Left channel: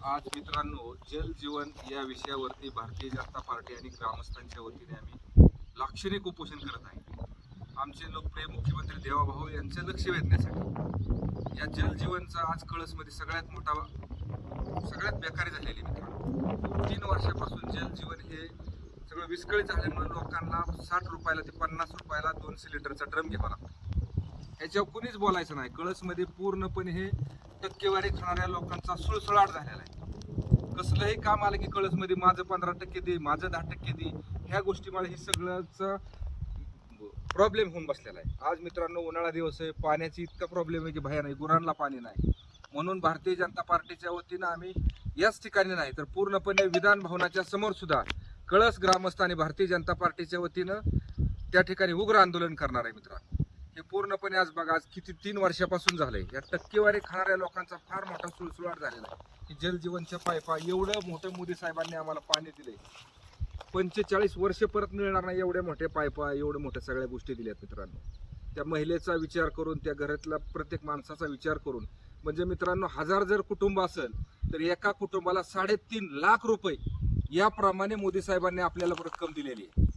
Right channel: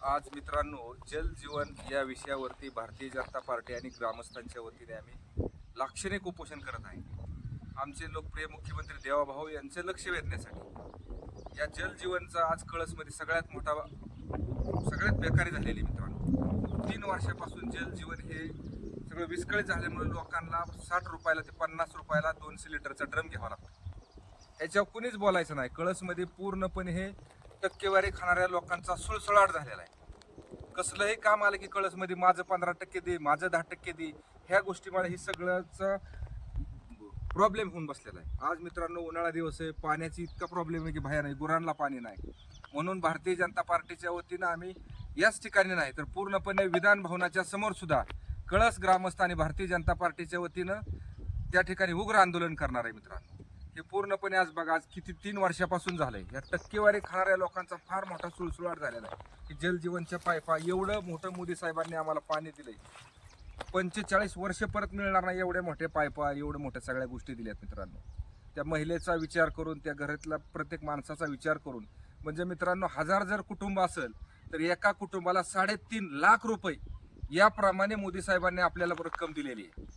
आज मित्रांनो, जल जीवन या विषयावरती भारतीय जनता पार्टी आणि ग्रामस्थांच्या वतीने आम्ही लाक्षणिक उपोषण करत आहे. आमचे लोकप्रिय मुख्यमंत्री देवाभाऊ यांचे लक्ष वेधण्यासाठी या जल जीवनचा आज कळसमध्ये सगळ्यात बेकारी झालेली मित्रांनो. 3 वर्षापासून जल जीवन हे सगळं विस्कळीत झाल्यामुळे लोकांना 60 रुपयाला ते 50 रुपयाला 2 सिलेंडरचा ड्रम घ्यावा लागतो. ह्याच्यावर कुणीच बोलायचं नाही. कळसमध्ये पूर्णपणे हे टक्केवारी खाणाऱ्या लोकांचा सुळसुळाट झालेला आहे. कसलंही काम आलं की कळसमध्ये माझं 15% दे, माझं 10% दे, ह्या गोष्टीमुळे ही सगळ्याचा प्रॉब्लेम होऊन बसलेला आहे. आज मित्रांनो, उन्हाळा दिवस आहे, पाण्याची इतका प्रॉब्लेम आहे की भया नाही, गुरांना पाणी नाही. म्हणून भारतीय जनता पार्टीच्या वतीनं आम्ही याच ठिकाणी नाही तर पूर्णपणे विधान भवनाच्या समोर सुद्धा कळस ग्रामस्थ आणि भारतीय जनता पार्टीच्या वतीनं त्या ठिकाणी उग्र आंदोलन करणार आहे मित्रांनो. हे पूर्णपणे आज बघा, आज किती 3 वर्षापासून झालंय. या टक्केवारी खाणाऱ्या लोकांचा फार मोठा सुळसुळाट झालेला आहे की जलजीवनच्या पायपा एवढं मोठं मोदी साहेबांनी आम्हाला पाणी दिलंय. 45 वर्ष परत मिळणार नाही एवढे मोठे पायपा, एवढं मोठ्या सगळ्या गोष्टी दिल्यात मित्रांनो. त्या महिलेचा विचार करून, त्या घरातल्या प्रत्येक माणसाचा विचार करून, म्हणजे मित्रांनो 1000 जर कुटुंब असेल तर एका कुटुंबाला 3.5 लाख रुपये याप्रमाणे मोदी साहेबांनी आपल्याला रक्कम दिलेली आहे.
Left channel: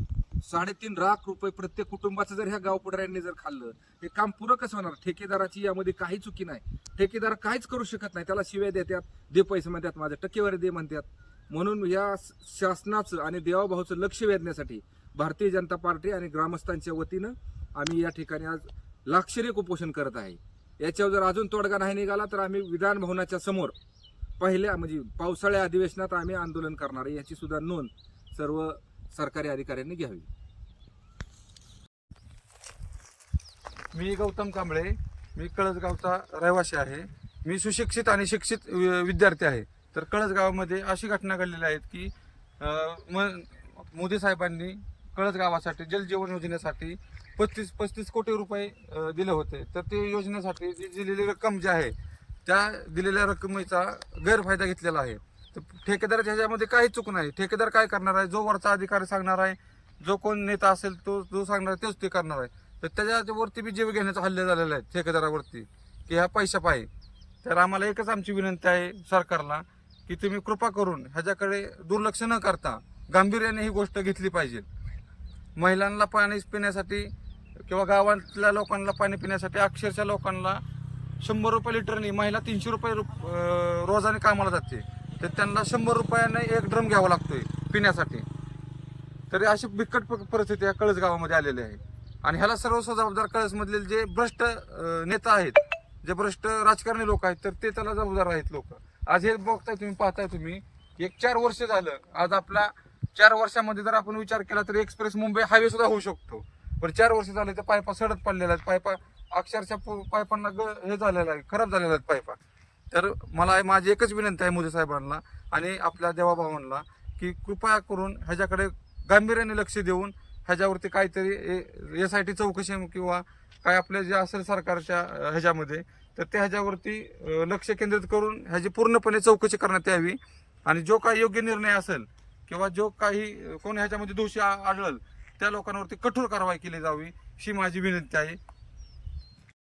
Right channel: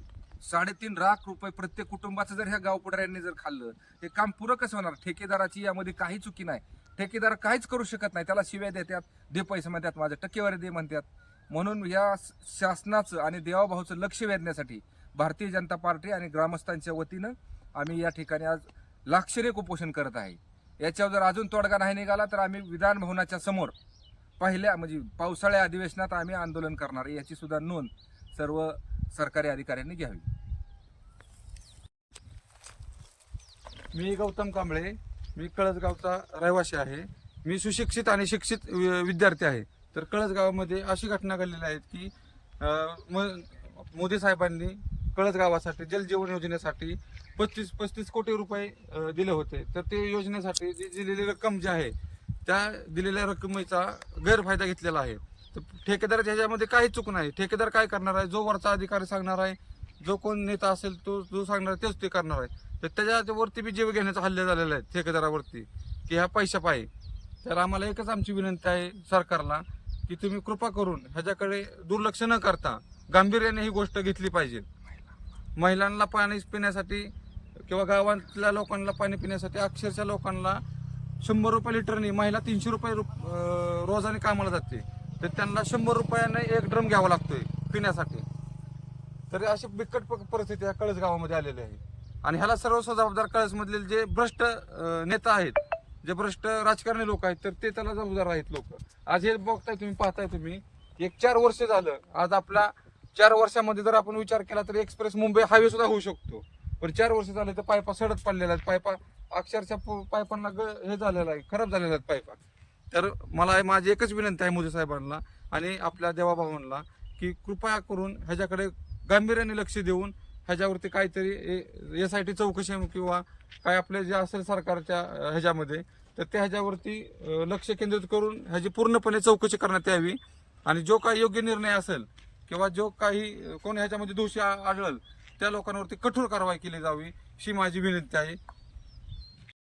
3.5 लाख रुपये प्रत्येक कुटुंबाचं जर ह्या गावपुढाऱ्यांनी जर खाल्लं, हे काम पुरं कसं होणार? ठेकेदाराची यामध्ये काही चुकी नाही. ठेकेदार काहीच करू शकत नाही. त्याला शिव्या देतात, दे पैसे म्हणतात, माझे टक्केवारी दे म्हणतात. म्हणून या शासनाचं आणि देवाभाऊचं लक्ष वेधण्यासाठी भारतीय जनता पार्टी आणि ग्रामस्थांच्या वतीनं आम्ही या ठिकाणी आज लाक्षणिक उपोषण करत आहे. याच्यावर जर अजून तोडगा नाही निघाला तर आम्ही विधान भवनाच्या समोर पहिल्या पावसाळ्या अधिवेशनात आम्ही आंदोलन करणार आहे. याची सुद्धा नोंद सर्व सरकारी अधिकाऱ्यांनी घ्यावी. मी गौतम कांबळे, मी कळसगावचा रहिवासी आहे. मी सुशिक्षित आणि शिक्षित विद्यार्थी आहे. तर कळसगावामध्ये अशी घटना घडलेली आहेत की मोदी साहेबांनी कळसगावासाठी जलजीवन योजनेसाठी 35 कोटी रुपये दिले होते. तर ते योजनेसाठी जी दिलेली रक्कम जी आहे त्या दिलेल्या रकमेचा गैरफायदा घेतलेला आहे. तर ठेकेदाराच्या ह्याच्यामध्ये काही चूक नाही. ठेकेदार काय करणार आहे? जो वरचा अधिकारी सांगणार आहे, जो कोण नेता असेल तो जो सांगणार तेच ते करणार आहे. तर त्याच्यावरती बी जीव घेण्याचा हल्ले झालेला आहे ठेकेदारावरती की ह्या पैशा पाहिजे. तर आम्हाला एकच आमची विनंती आहे सरकारला की तुम्ही कृपा करून ह्याच्याकडे दुर्लक्ष न करता गांभीर्याने ही गोष्ट घेतली पाहिजे. महिलांना पाणी पिण्यासाठी किंवा गावातल्या लोकांना पाणी पिण्यासाठी अक्षरशः लोकांना 100 रुपये लिटरनी, महिला 300 रुपये रोजाने कामाला जाते. तर त्यांना 100 रुपयाने एक ड्रम घ्यावा लागतोय पिण्यासाठी. तरी अशी बिकट परिस्थिती या कळस गावामध्ये आलेली आहे. आणि ह्याला सर्व जबाबदार कळसमधले जे भ्रष्ट नेता आहेत, जे भ्रष्ट राजकारणी लोक आहेत, तर ते त्याला जबाबदार आहेत लोक. आज हे बघताय तुम्ही, पाहताय तुम्ही, 4 वर्ष झालं. आज आपला 4 वर्षामध्ये जर आपण विचार केला तर एक्सप्रेस मुंबई हायवे सुद्धा होऊ शकतो. पण 4 वर्ष झाले तर पायपा सडत पडलेल्या आहेत. पायपा अक्षरशः पायपांना हे झालेलं आहे, खराब झालेल्या आहेत पायपा. तर मला माझी एकच विनंती आहे मोदी साहेबांना आणि आपल्या देवाभावांना की कृपया करून ह्याच्याकडे गांभीर्याने लक्ष देऊन ह्याच्यावरती काहीतरी SIT चौकशी किंवा काय आपले जे असेल सरकारच्या ह्याच्यामध्ये, तर त्या ह्याच्यावरती लक्ष केंद्रित करून ह्याची पूर्णपणे चौकशी करण्यात यावी. आणि जो काही योग्य निर्णय असेल किंवा जो काही कोणी ह्याच्यामध्ये दोषी आढळल त्या लोकांवरती कठोर कारवाई केली जावी, ही माझी विनंती आहे.